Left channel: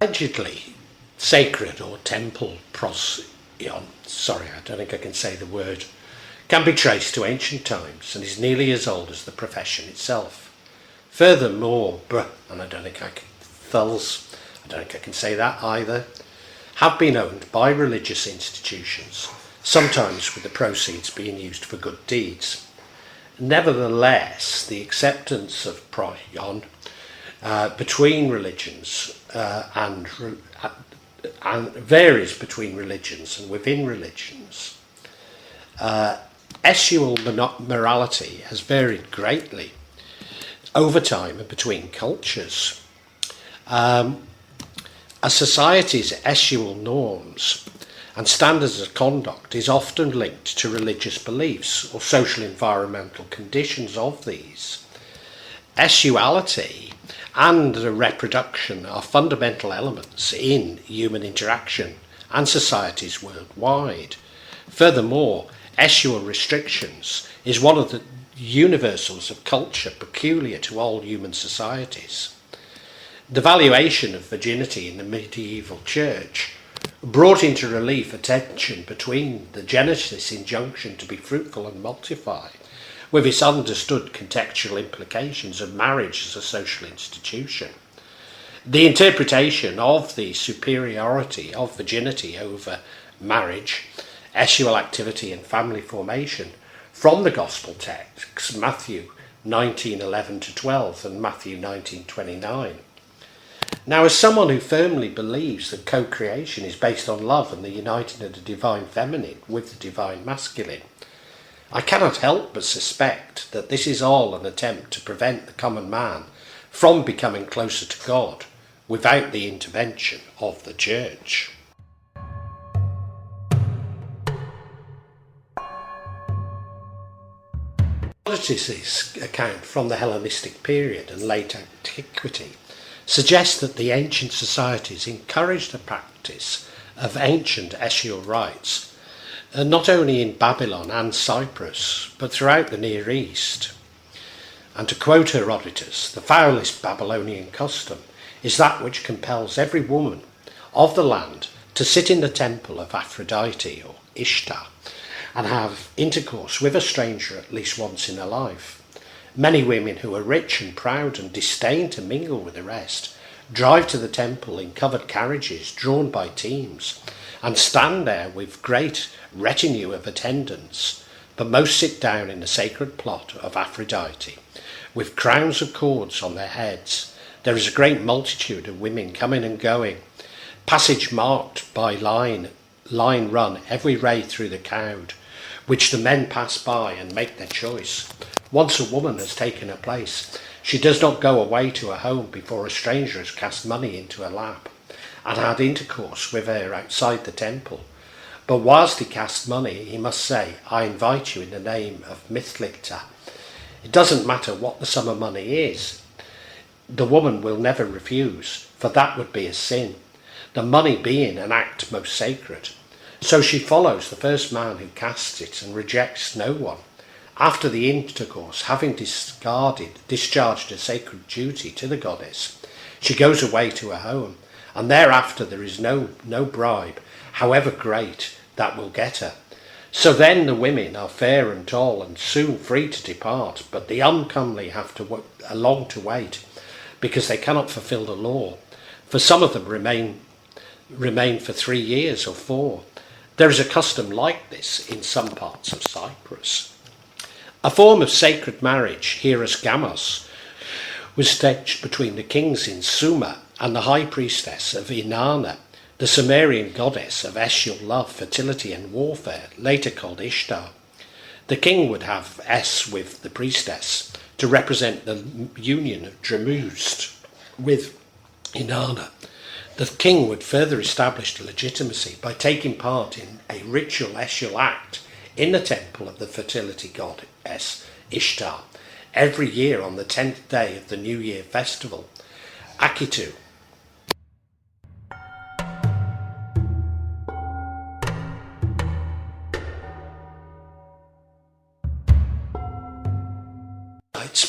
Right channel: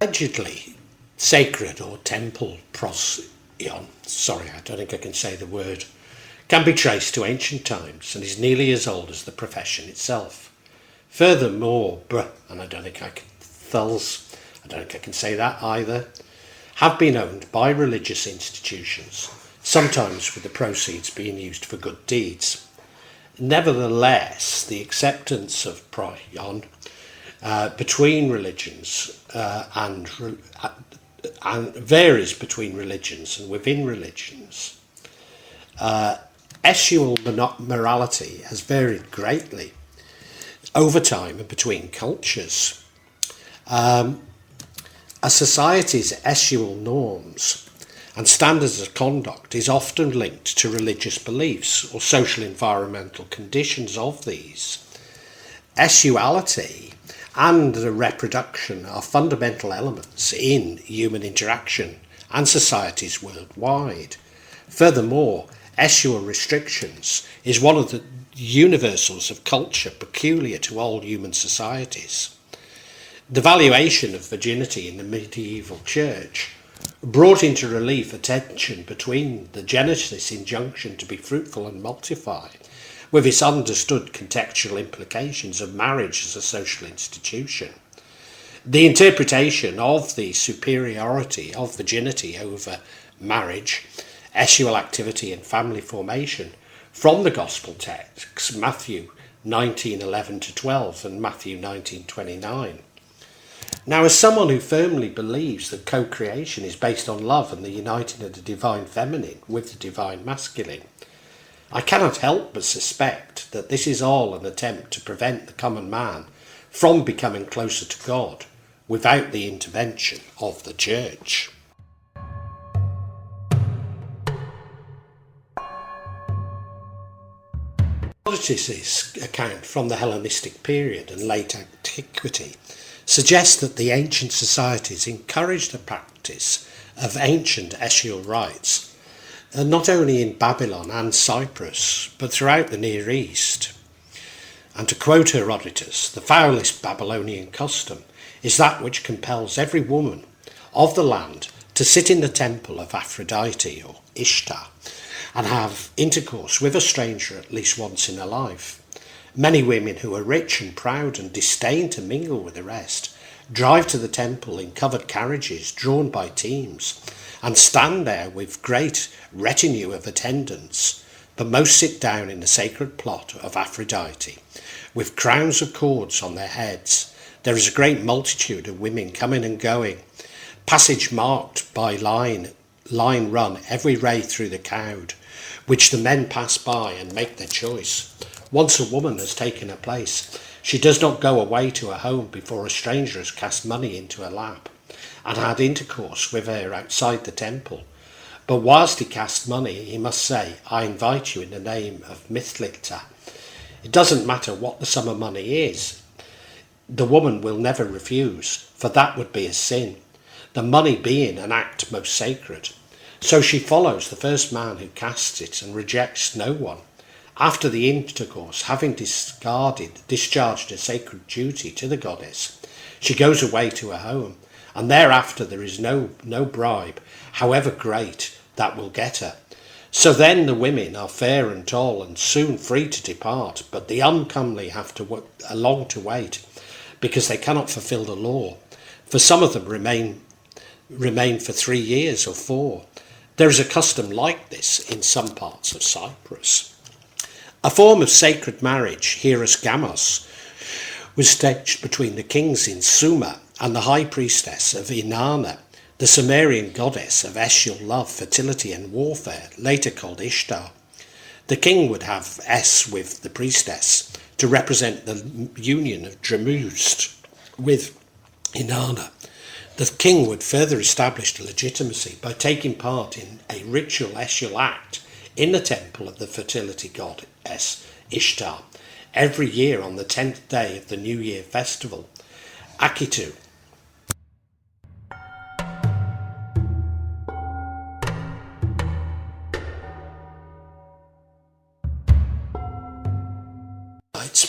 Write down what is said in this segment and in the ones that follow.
Allegedly sacred or temple procyon, sorry, I don't think I can say the word, can be traced to ancient times and is nearly as old as the profession itself. Furthermore, and I don't think I can, thels, I don't think I can say that either, have been owned by religious institutions, sometimes with the proceeds being used for good deeds. Nevertheless, the acceptance of procyon between religions and varies between religions and within religions. Sexual morality has varied greatly over time and between cultures. A society's sexual norms and standards of conduct is often linked to religious beliefs or social environmental conditions of these. Uality and the reproduction are fundamental elements in human interaction and societies worldwide. Furthermore, sexual restrictions is one of the universals of culture peculiar to all human societies. The valuation of virginity in the medieval church brought into relief a tension between the Genesis injunction to be fruitful and multiply, with its understood contextual implications of marriage as a social institution. The interpretation of the superiority of virginity over marriage, sexual activity and family formation from the Gospel texts, Matthew 19:11-12 and Matthew 19:29. Now, as someone who firmly believes that co-creation is based on love and the uniting of the divine feminine with the divine masculine, I cannot help but suspect that this is all an attempt to prevent the common man from becoming closer to God without the intervention of the church. Herodotus' account from the Hellenistic period and late antiquity suggests that the ancient societies encouraged the practice of ancient sexual rites, not only in Babylon and Cyprus, but throughout the Near East. And to quote Herodotus, the foulest Babylonian custom is that which compels every woman of the land to sit in the temple of Aphrodite or Ishtar and have intercourse with a stranger at least once in her life. Many women who are rich and proud and disdain to mingle with the rest drive to the temple in covered carriages drawn by teams and stand there with great retinue of attendants, but most sit down in the sacred plot of Aphrodite with crowns of cords on their heads. There is a great multitude of women coming and going, passage marked by line run every ray through the crowd, which the men pass by and make their choice. Once a woman has taken her place, she does not go away to her home before a stranger has cast money into her lap and had intercourse with her outside the temple. But whilst he casts money, he must say, "I invite you in the name of Mithlita." It doesn't matter what the sum of money is. The woman will never refuse, for that would be a sin, the money being an act most sacred. So she follows the first man who casts it and rejects no one. After the intercourse, having discharged a sacred duty to the goddess, she goes away to her home, and thereafter there is no bribe, however great, that will get her. So then the women are fair and tall and soon free to depart, but the uncomely have to long to wait, because they cannot fulfil the law. For some of them remain for 3 years or 4. There is a custom like this in some parts of Cyprus. A form of sacred marriage, hieros gamos, was staged between the kings in Sumer and the high priestess of Inanna, the Sumerian goddess of sexual love, fertility and warfare, later called Ishtar. The king would have with the priestess to represent the union of Dramust with Inanna. The king would further establish legitimacy by taking part in a ritual sexual act in the temple of the fertility goddess Ishtar every year on the 10th day of the New Year festival, Akitu.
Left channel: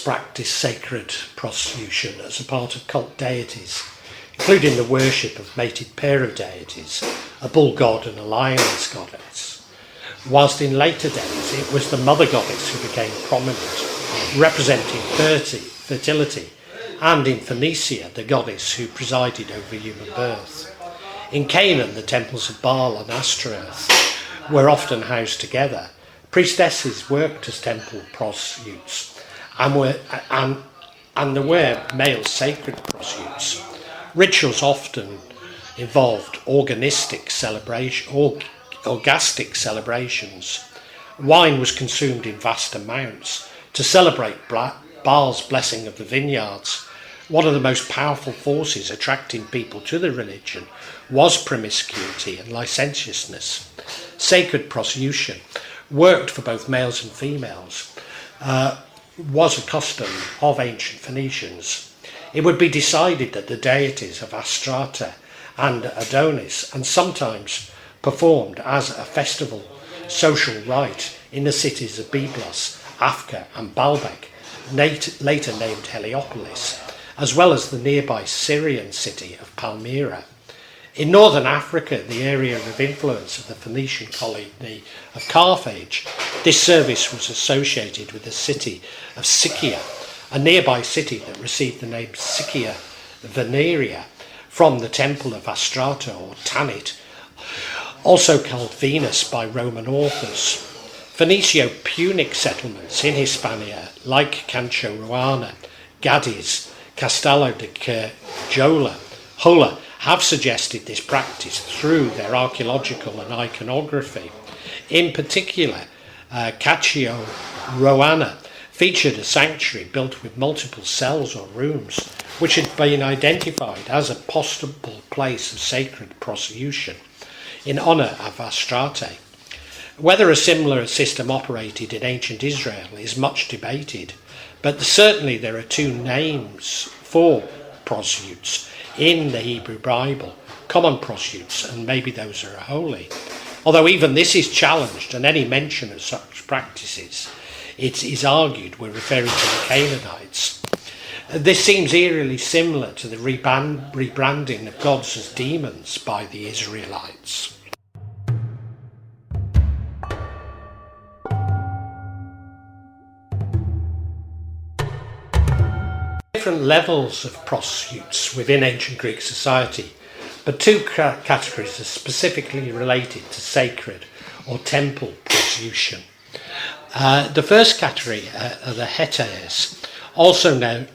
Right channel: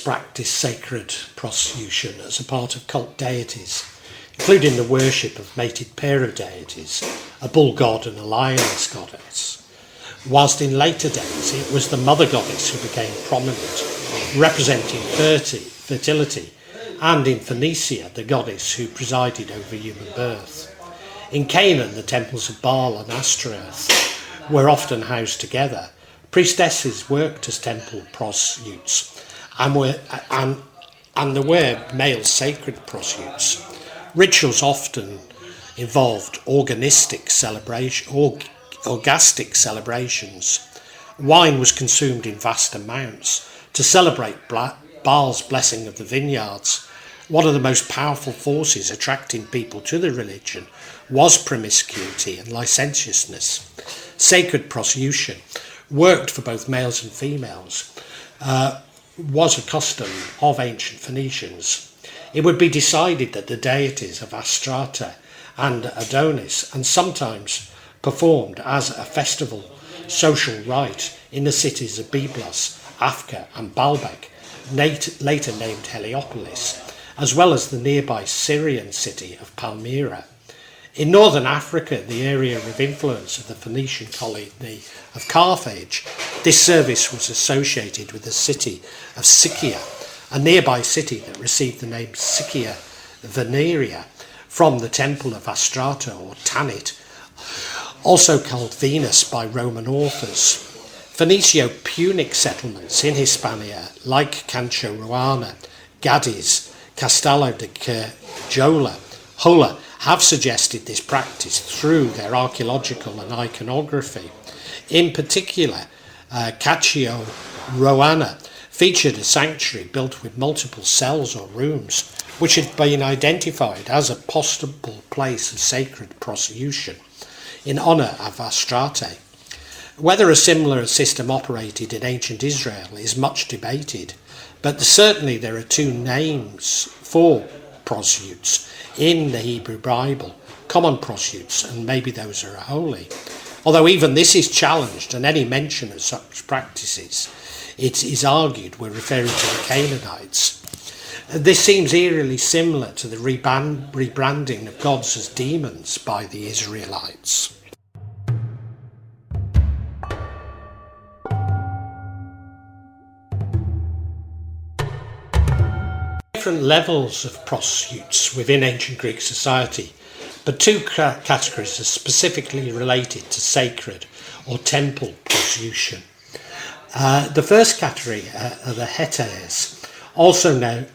Practice sacred prostitution as a part of cult deities including the worship of mated pair of deities, a bull god and a lioness goddess, whilst in later days it was the mother goddess who became prominent, representing fertility, and in Phoenicia the goddess who presided over human birth. In Canaan, the temples of Baal and Ashtaroth were often housed together. Priestesses worked as temple prostitutes, and there were male sacred prostitutes. Rituals often involved orgastic celebrations. Wine was consumed in vast amounts to celebrate Baal's blessing of the vineyards. One of the most powerful forces attracting people to the religion was promiscuity and licentiousness. Sacred prostitution, worked for both males and females, was a custom of ancient Phoenicians. It would be decided that the deities of Astarte and Adonis, and sometimes performed as a festival social rite in the cities of Byblos, Afka and Baalbek, later named Heliopolis, as well as the nearby Syrian city of Palmyra. In northern Africa, the area of influence of the Phoenician colony of Carthage, this service was associated with the city of Siccia, a nearby city that received the name Siccia Veneria from the temple of Astarte or Tanit, also called Venus by Roman authors. Phoenicio-Punic settlements in Hispania, like Cancho-Ruana, Gades, Castello de Jola, have suggested this practice through their archaeological and iconography. In particular, Caccio-Ruana featured a sanctuary built with multiple cells or rooms, which had been identified as a possible place of sacred prostitution in honour of Astarte. Whether a similar system operated in ancient Israel is much debated, but certainly there are two names for prostitutes in the Hebrew Bible, common prostitutes, and maybe those are holy. Although even this is challenged, and any mention of such practices, it is argued we're referring to the Canaanites. This seems eerily similar to the rebranding of gods as demons by the Israelites. Different levels of prostitutes within ancient Greek society, but two categories are specifically related to sacred or temple prostitution. The first category are the hetes, also known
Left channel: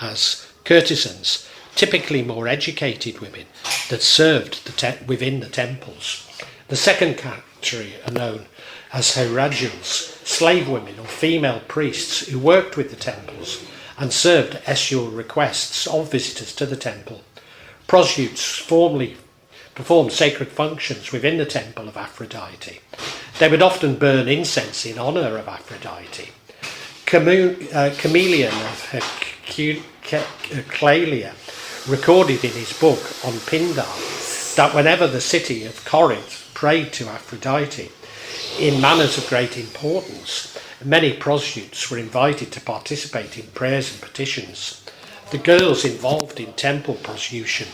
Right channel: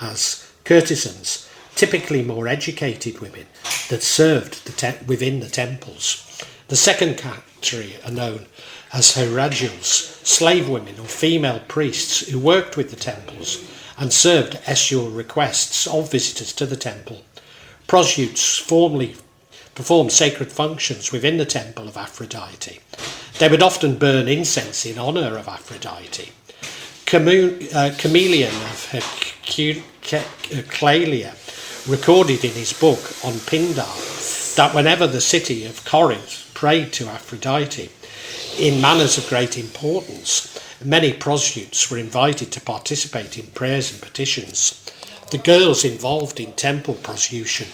as courtesans, typically more educated women that served within the temples. The second category are known as hierarchs, slave women or female priests who worked with the temples and served essual requests of visitors to the temple. Prostitutes formally performed sacred functions within the temple of Aphrodite. They would often burn incense in honour of Aphrodite. Chameleon of Heraclea recorded in his book on Pindar that whenever the city of Corinth prayed to Aphrodite in matters of great importance, many prostitutes were invited to participate in prayers and petitions. The girls involved in temple prostitution,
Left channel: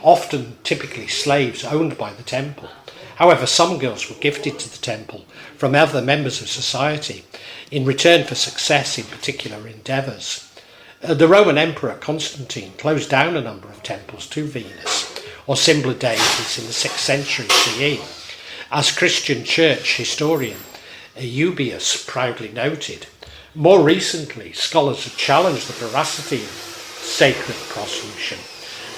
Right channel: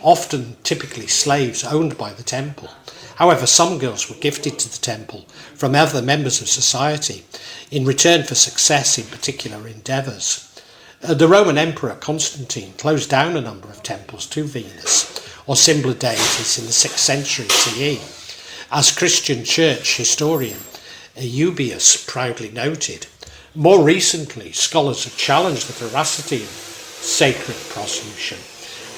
often typically slaves owned by the temple. However, some girls were gifted to the temple from other members of society in return for success in particular endeavours. The Roman Emperor Constantine closed down a number of temples to Venus, or similar deities, in the 6th century CE. As Christian church historian Eusebius proudly noted, more recently scholars have challenged the veracity of sacred prostitution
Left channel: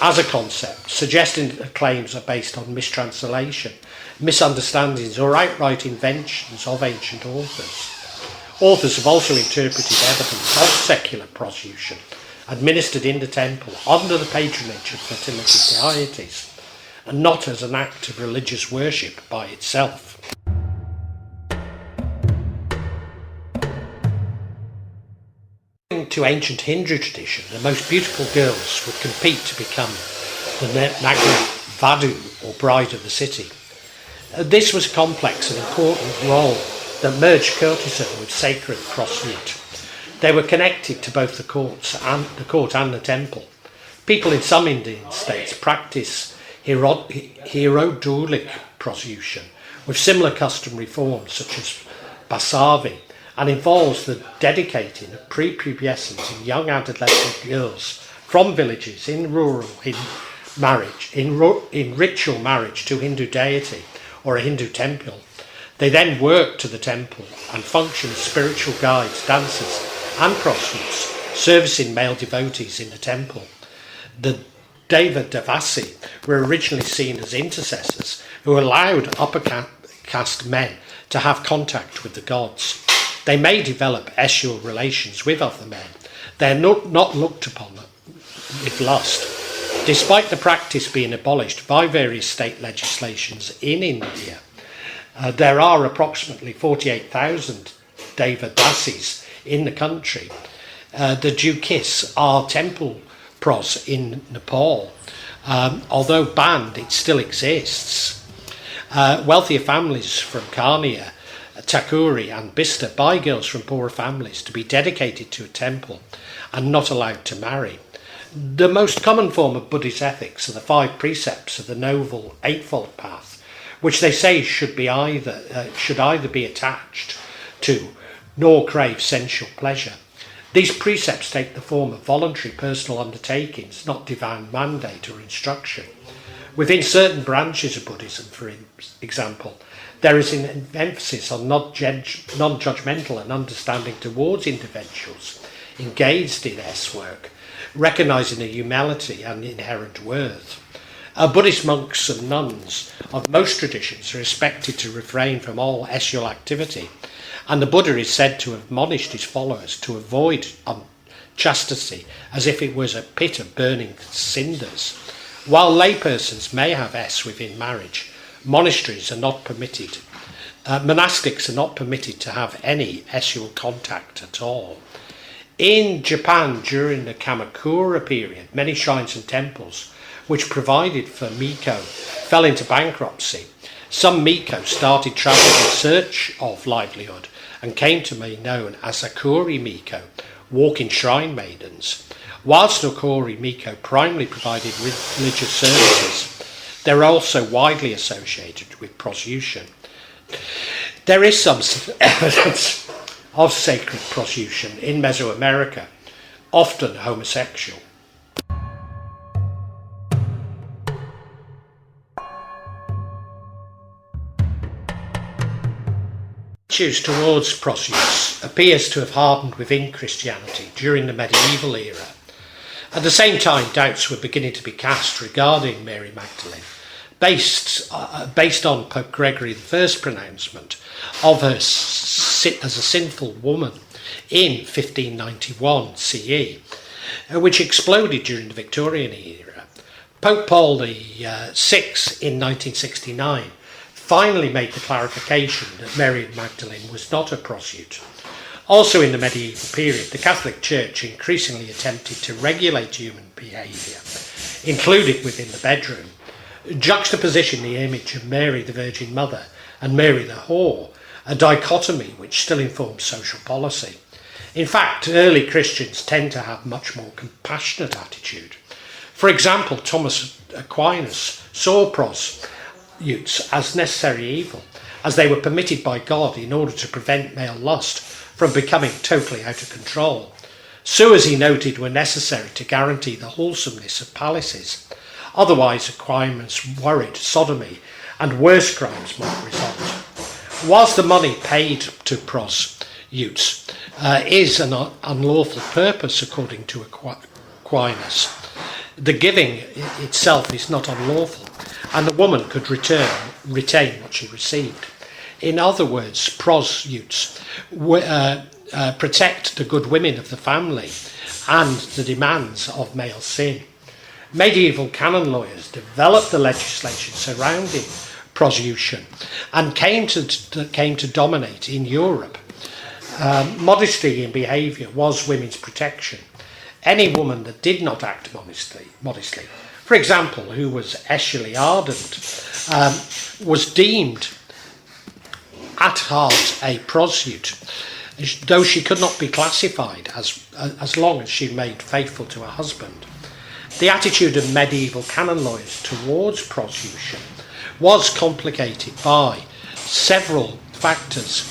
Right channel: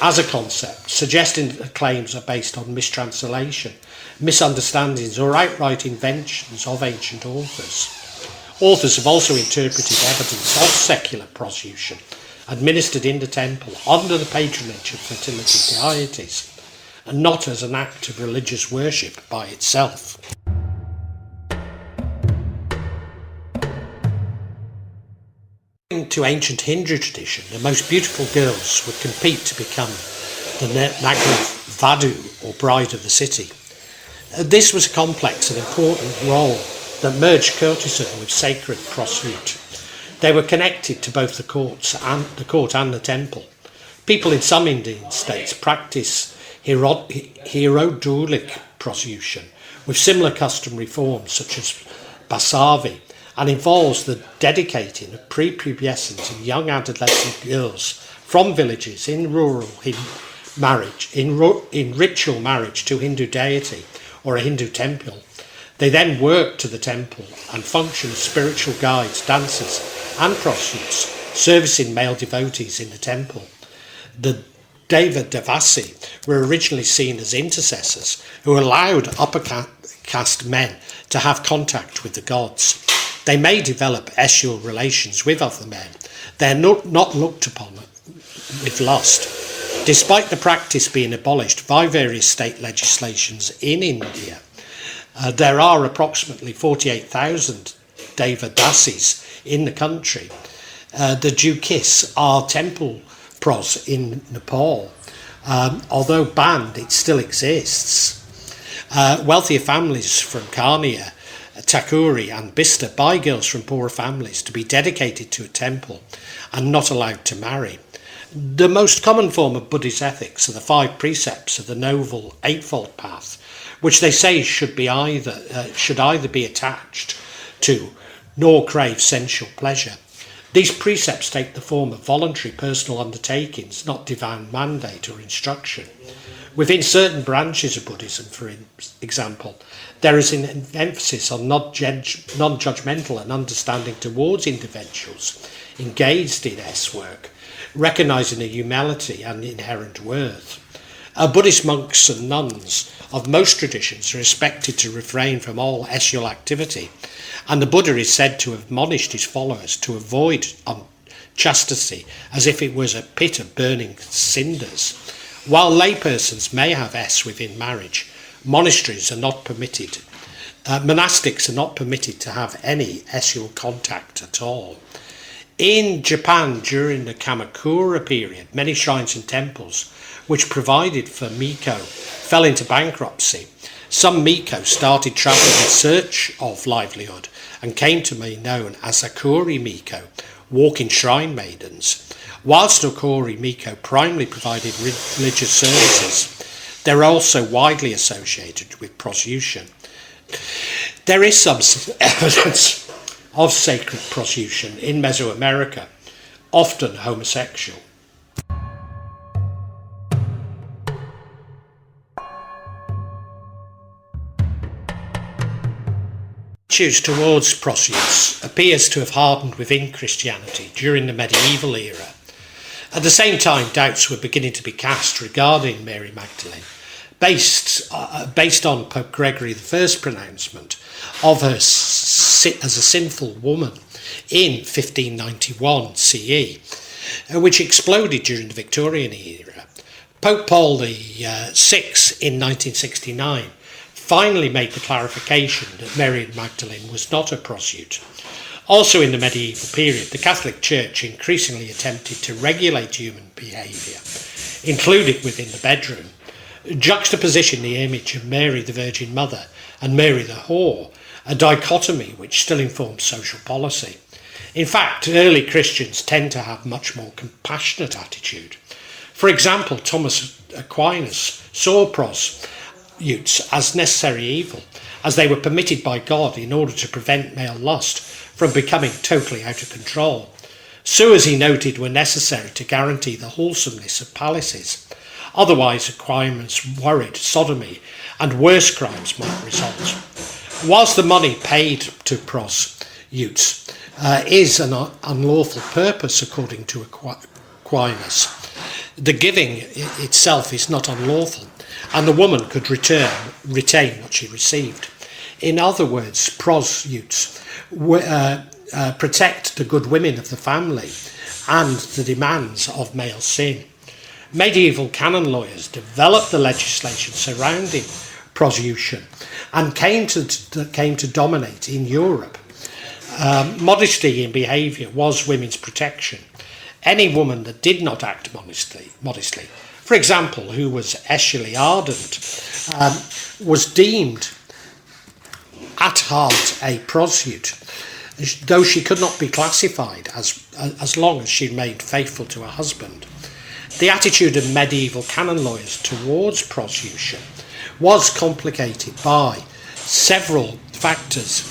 as a concept, suggesting that the claims are based on mistranslation, misunderstandings or outright inventions of ancient authors. Authors have also interpreted evidence of secular prostitution administered in the temple under the patronage of fertility deities, and not as an act of religious worship by itself. According to ancient Hindu tradition, the most beautiful girls would compete to become the Nagra Vadu, or bride of the city. This was a complex and important role that merged courtesan with sacred prostitute. They were connected to both the court and the temple. People in some Indian states practice hierodolic prostitution with similar customary forms such as basavi, and involves the dedicating of prepubescent and young adolescent girls from villages in ritual marriage to Hindu deity or a Hindu temple. They then work to the temple and function as spiritual guides, dancers and prostitutes, servicing male devotees in the temple. The Devadasi were originally seen as intercessors who allowed upper caste men to have contact with the gods. They may develop sexual relations with other men. They are not looked upon with lust. Despite the practice being abolished by various state legislations in India, there are approximately 48,000 Devadasis in the country. The Jukis are temple pros in Nepal. Although banned, it still exists. Wealthier families from Karnia, Takuri and Bista buy girls from poorer families to be dedicated to a temple and not allowed to marry. The most common form of Buddhist ethics are the 5 precepts of the Noble Eightfold Path, which they say should either be attached to nor crave sensual pleasure. These precepts take the form of voluntary personal undertakings, not divine mandate or instruction. Within certain branches of Buddhism, for example, there is an emphasis on non-judgmental and understanding towards individuals engaged in S-work, recognising their humanity and inherent worth. Buddhist monks and nuns of most traditions are expected to refrain from all sexual activity, and the Buddha is said to have admonished his followers to avoid unchastity as if it was a pit of burning cinders. While laypersons may have S within marriage, monastics are not permitted to have any sexual contact at all. In Japan, during the Kamakura period, many shrines and temples which provided for Miko fell into bankruptcy. Some Miko started travelling in search of livelihood and came to be known as Akuri Miko, walking shrine maidens. Whilst Akuri Miko primarily provided religious services, they were also widely associated with prostitution. There is some evidence of sacred prostitution in Mesoamerica, often homosexual. Attitudes towards prostitutes appears to have hardened within Christianity during the medieval era. At the same time, doubts were beginning to be cast regarding Mary Magdalene, based on Pope Gregory I's pronouncement of her as a sinful woman in 1591 CE, which exploded during the Victorian era. Pope Paul VI in 1969 finally made the clarification that Mary Magdalene was not a prostitute. Also in the medieval period, the Catholic Church increasingly attempted to regulate human behaviour, including within the bedroom, juxtaposition the image of Mary the Virgin Mother and Mary the Whore, a dichotomy which still informs social policy. In fact, early Christians tend to have much more compassionate attitude. For example, Thomas Aquinas saw prostitutes as necessary evil, as they were permitted by God in order to prevent male lust from becoming totally out of control. So, as he noted, were necessary to guarantee the wholesomeness of palaces. Otherwise, Aquinas worried sodomy and worse crimes might result. Whilst the money paid to prostitutes is an unlawful purpose, according to Aquinas, the giving itself is not unlawful, and the woman could retain what she received. In other words, prostitutes protect the good women of the family and the demands of male sin. Medieval canon lawyers developed the legislation surrounding prostitution and came to dominate in Europe. Modesty in behaviour was women's protection. Any woman that did not act modestly, for example, who was sexually ardent, was deemed at heart a prostitute, though she could not be classified as long as she remained faithful to her husband. The attitude of medieval canon lawyers towards prostitution was complicated by several factors.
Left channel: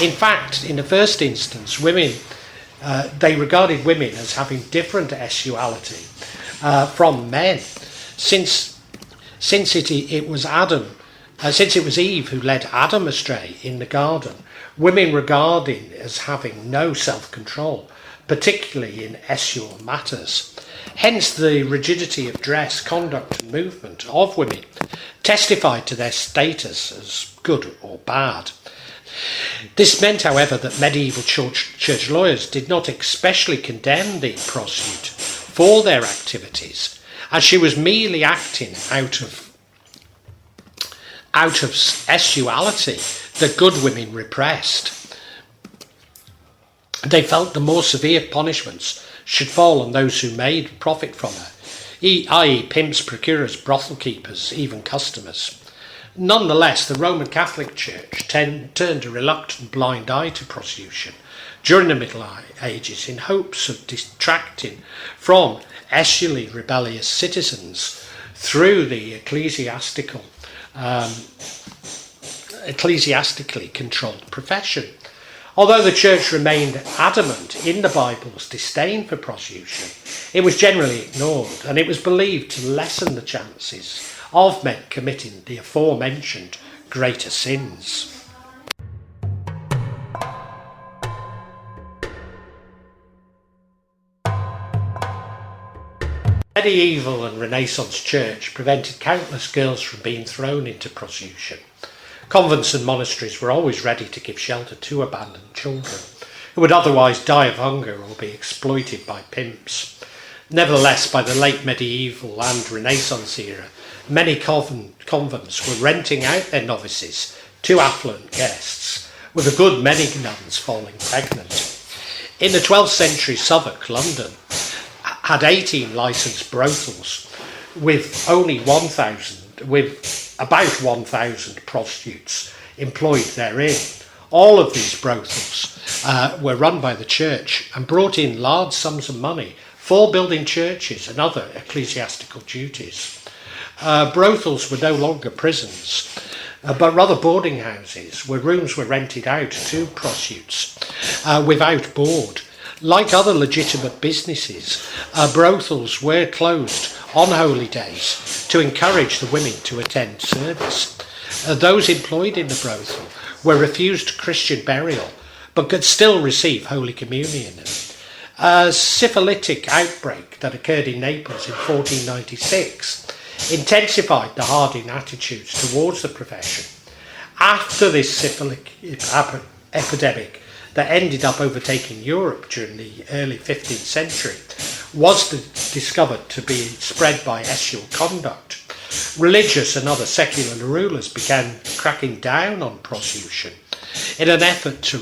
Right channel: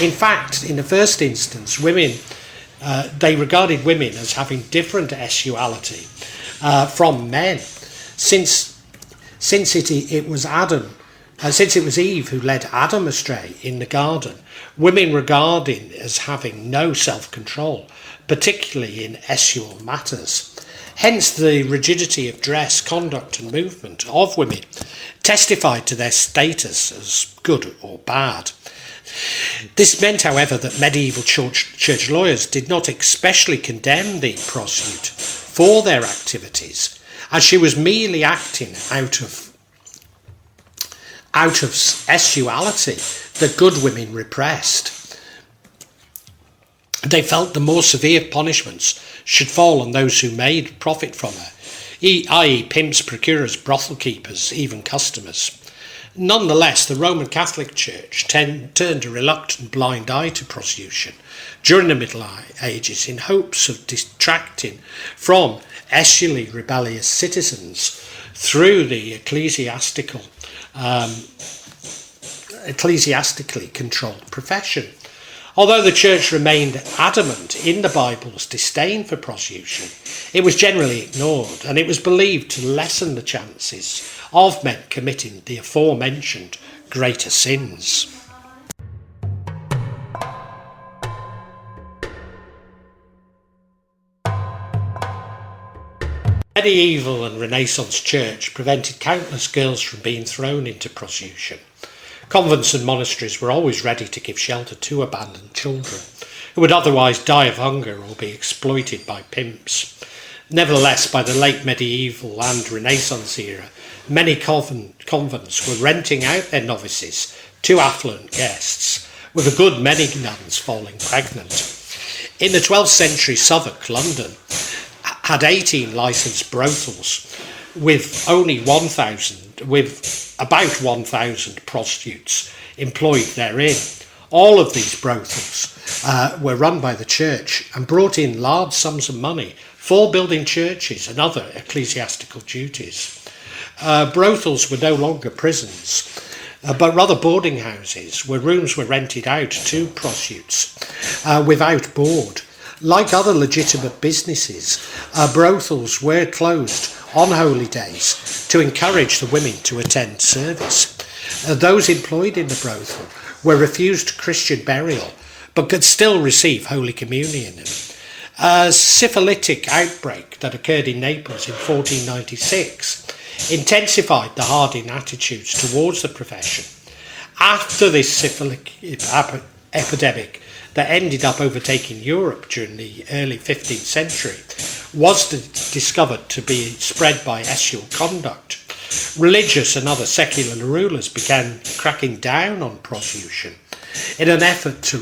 In fact, in the first instance, they regarded women as having different sexuality from men, since it was Eve who led Adam astray in the garden. Women regarded as having no self-control, particularly in sexual matters. Hence, the rigidity of dress, conduct, and movement of women testified to their status as good or bad. This meant, however, that medieval church lawyers did not especially condemn the prostitute for their activities, as she was merely acting out of sexuality that good women repressed. They felt the more severe punishments should fall on those who made profit from her, i.e. pimps, procurers, brothel keepers, even customers. Nonetheless, the Roman Catholic Church turned a reluctant blind eye to prostitution during the Middle Ages in hopes of detracting from sexually rebellious citizens through the ecclesiastically controlled profession. Although the Church remained adamant in the Bible's disdain for prostitution, it was generally ignored, and it was believed to lessen the chances of men committing the aforementioned greater sins. Medieval and Renaissance Church prevented countless girls from being thrown into prostitution. Convents and monasteries were always ready to give shelter to abandoned children who would otherwise die of hunger or be exploited by pimps. Nevertheless, by the late medieval and Renaissance era, many convents were renting out their novices to affluent guests, with a good many nuns falling pregnant. In the 12th century, Southwark, London, had 18 licensed brothels with about 1,000 prostitutes employed therein. All of these brothels were run by the church and brought in large sums of money for building churches and other ecclesiastical duties. Brothels were no longer prisons, but rather boarding houses where rooms were rented out to prostitutes without board. Like other legitimate businesses, brothels were closed on holy days to encourage the women to attend service. Those employed in the brothel were refused Christian burial, but could still receive Holy Communion. A syphilitic outbreak that occurred in Naples in 1496 intensified the hardening attitudes towards the profession. After this syphilitic epidemic that ended up overtaking Europe during the early 15th century was discovered to be spread by sexual conduct, religious and other secular rulers began cracking down on prostitution in an effort to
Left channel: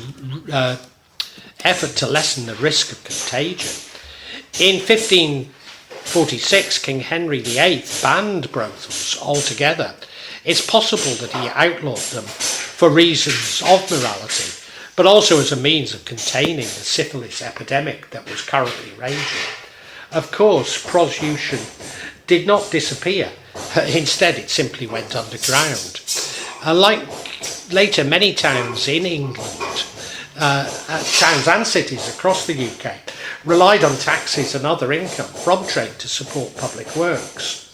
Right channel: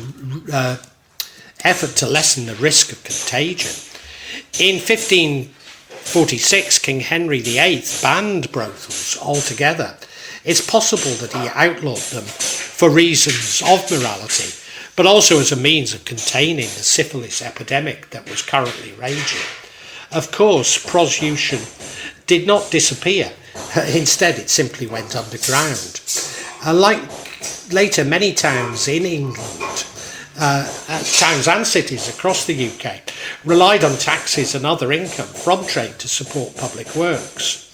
lessen the risk of contagion. In 1546, King Henry VIII banned brothels altogether. It's possible that he outlawed them for reasons of morality, but also as a means of containing the syphilis epidemic that was currently raging. Of course, prostitution did not disappear. Instead, it simply went underground. Like later many towns in England, towns and cities across the UK, relied on taxes and other income from trade to support public works.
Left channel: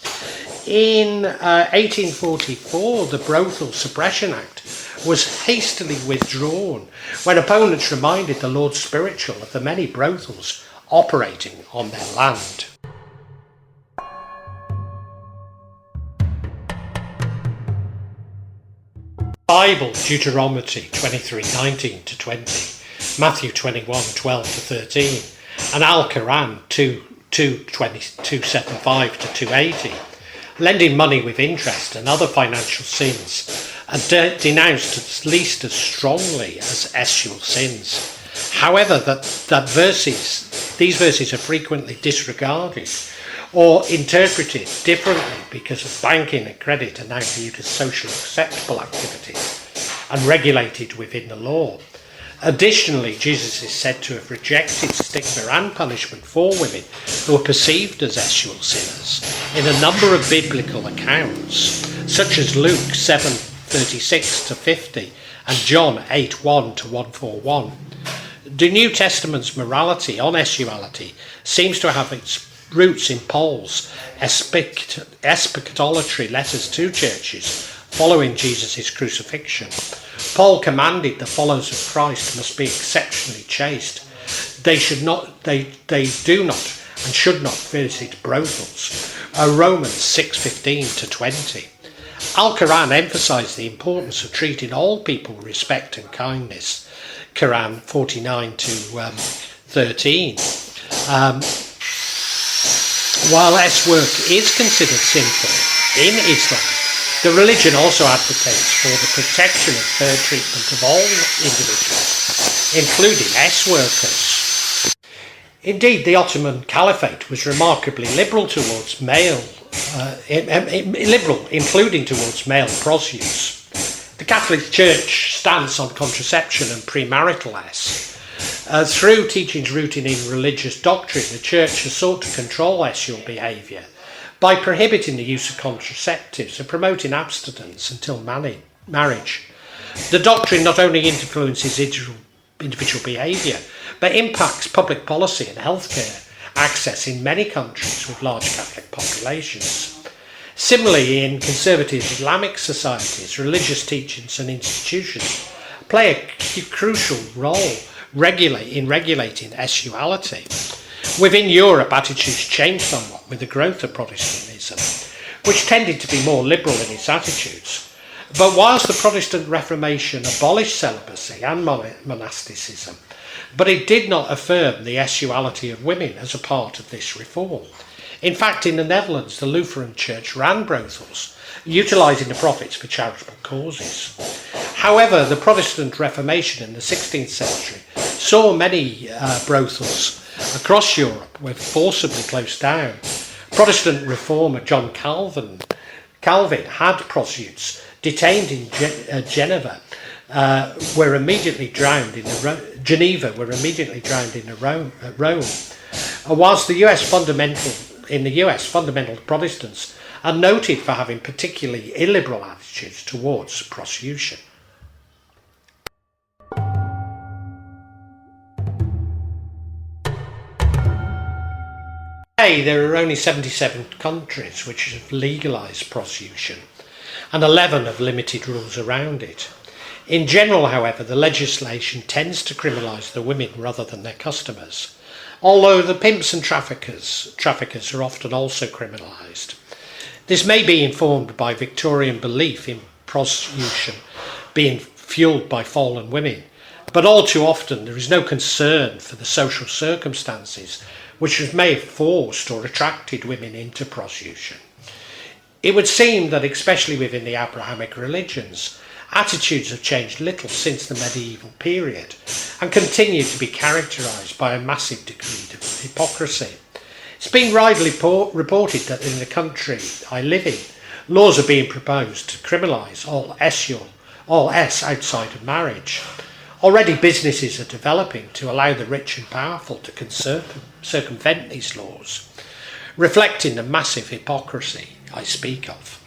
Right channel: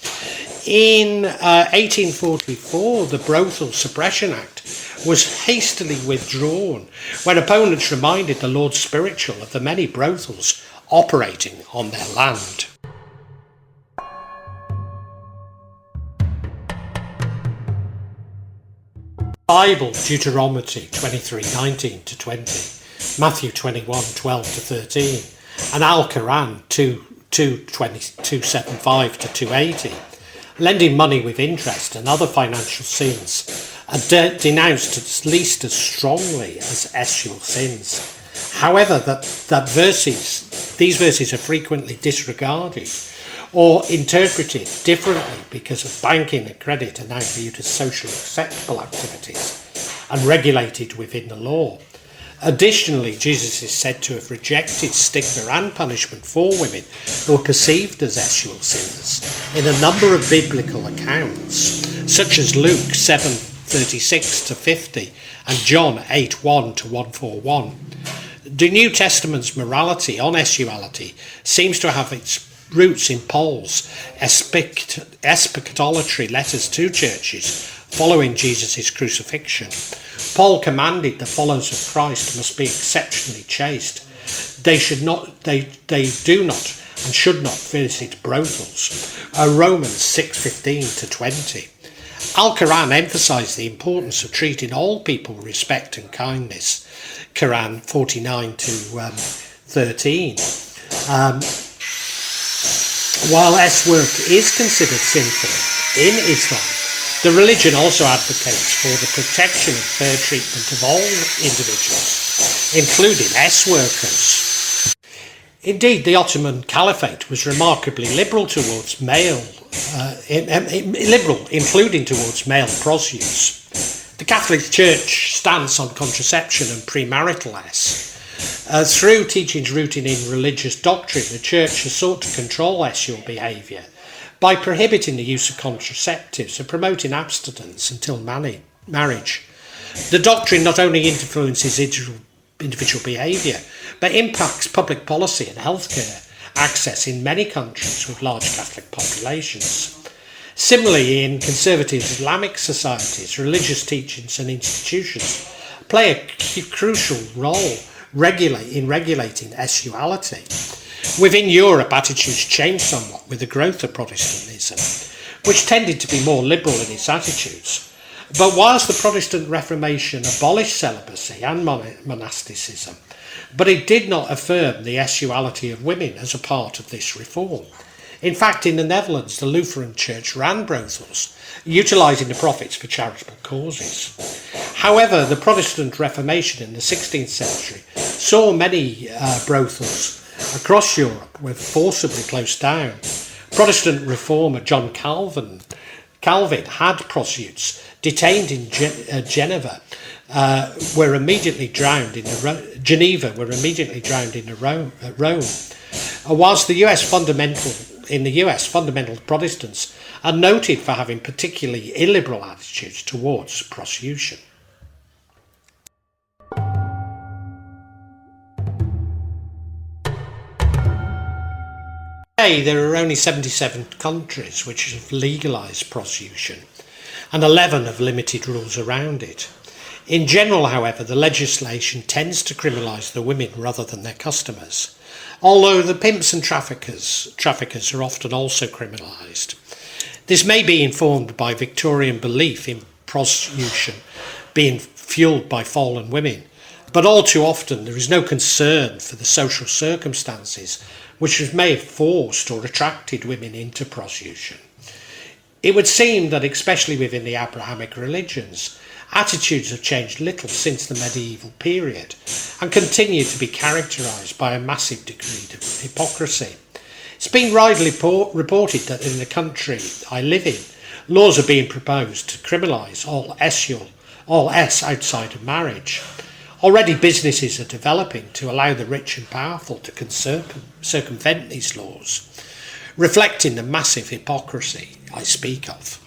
In 1844, the Brothel Suppression Act was hastily withdrawn when opponents reminded the Lord Spiritual of the many brothels operating on their land. Bible, Deuteronomy 23:19 to 20, Matthew 21:12 to 13, and Al-Quran 2:7:5 to 280, lending money with interest and other financial sins are denounced at least as strongly as sexual sins. However, these verses are frequently disregarded or interpreted differently because of banking and credit are now viewed as socially acceptable activities and regulated within the law. Additionally, Jesus is said to have rejected stigma and punishment for women who are perceived as sexual sinners in a number of biblical accounts, such as Luke 7:36 to 50 and John 8:1 to 141. The New Testament's morality on sexuality seems to have its roots in Paul's eschatology letters to churches following Jesus' crucifixion. Paul commanded the followers of Christ must be exceptionally chaste. They do not and should not visit brothels. Romans 6:15 to 20. Al-Quran emphasised the importance of treating all people with respect and kindness. Quran 49 to 13. While S-work is considered sinful in Islam, the religion also advocates for the protection and fair treatment of all individuals, including S-workers. Indeed, the Ottoman Caliphate was remarkably liberal towards including towards male prostitutes. The Catholic Church stance on contraception and premarital S. Through teachings rooted in religious doctrine, the Church has sought to control sexual behaviour by prohibiting the use of contraceptives and promoting abstinence until marriage. The doctrine not only influences individual behaviour, but impacts public policy and healthcare access in many countries with large Catholic populations. Similarly, in conservative Islamic societies, religious teachings and institutions play a crucial role in regulating sexuality. Within Europe, attitudes changed somewhat with the growth of Protestantism, which tended to be more liberal in its attitudes. But whilst the Protestant Reformation abolished celibacy and monasticism, but it did not affirm the sexuality of women as a part of this reform. In fact, in the Netherlands, the Lutheran Church ran brothels, utilising the profits for charitable causes. However, the Protestant Reformation in the 16th century saw many brothels across Europe were forcibly closed down. Protestant reformer John Calvin had prostitutes detained in Geneva were immediately drowned in Geneva were immediately drowned in Rome. Whilst the US fundamental Protestants are noted for having particularly illiberal attitudes towards prostitution. Today, there are only 77 countries which have legalised prostitution, and 11 have limited rules around it. In general, however, the legislation tends to criminalise the women rather than their customers, although the pimps and traffickers are often also criminalised. This may be informed by Victorian belief in prostitution being fuelled by fallen women, but all too often there is no concern for the social circumstances which may have forced or attracted women into prostitution. It would seem that, especially within the Abrahamic religions, attitudes have changed little since the medieval period and continue to be characterised by a massive degree of hypocrisy. It's been widely reported that in the country I live in, laws are being proposed to criminalise all S outside of marriage. Already businesses are developing to allow the rich and powerful to circumvent these laws, reflecting the massive hypocrisy I speak of.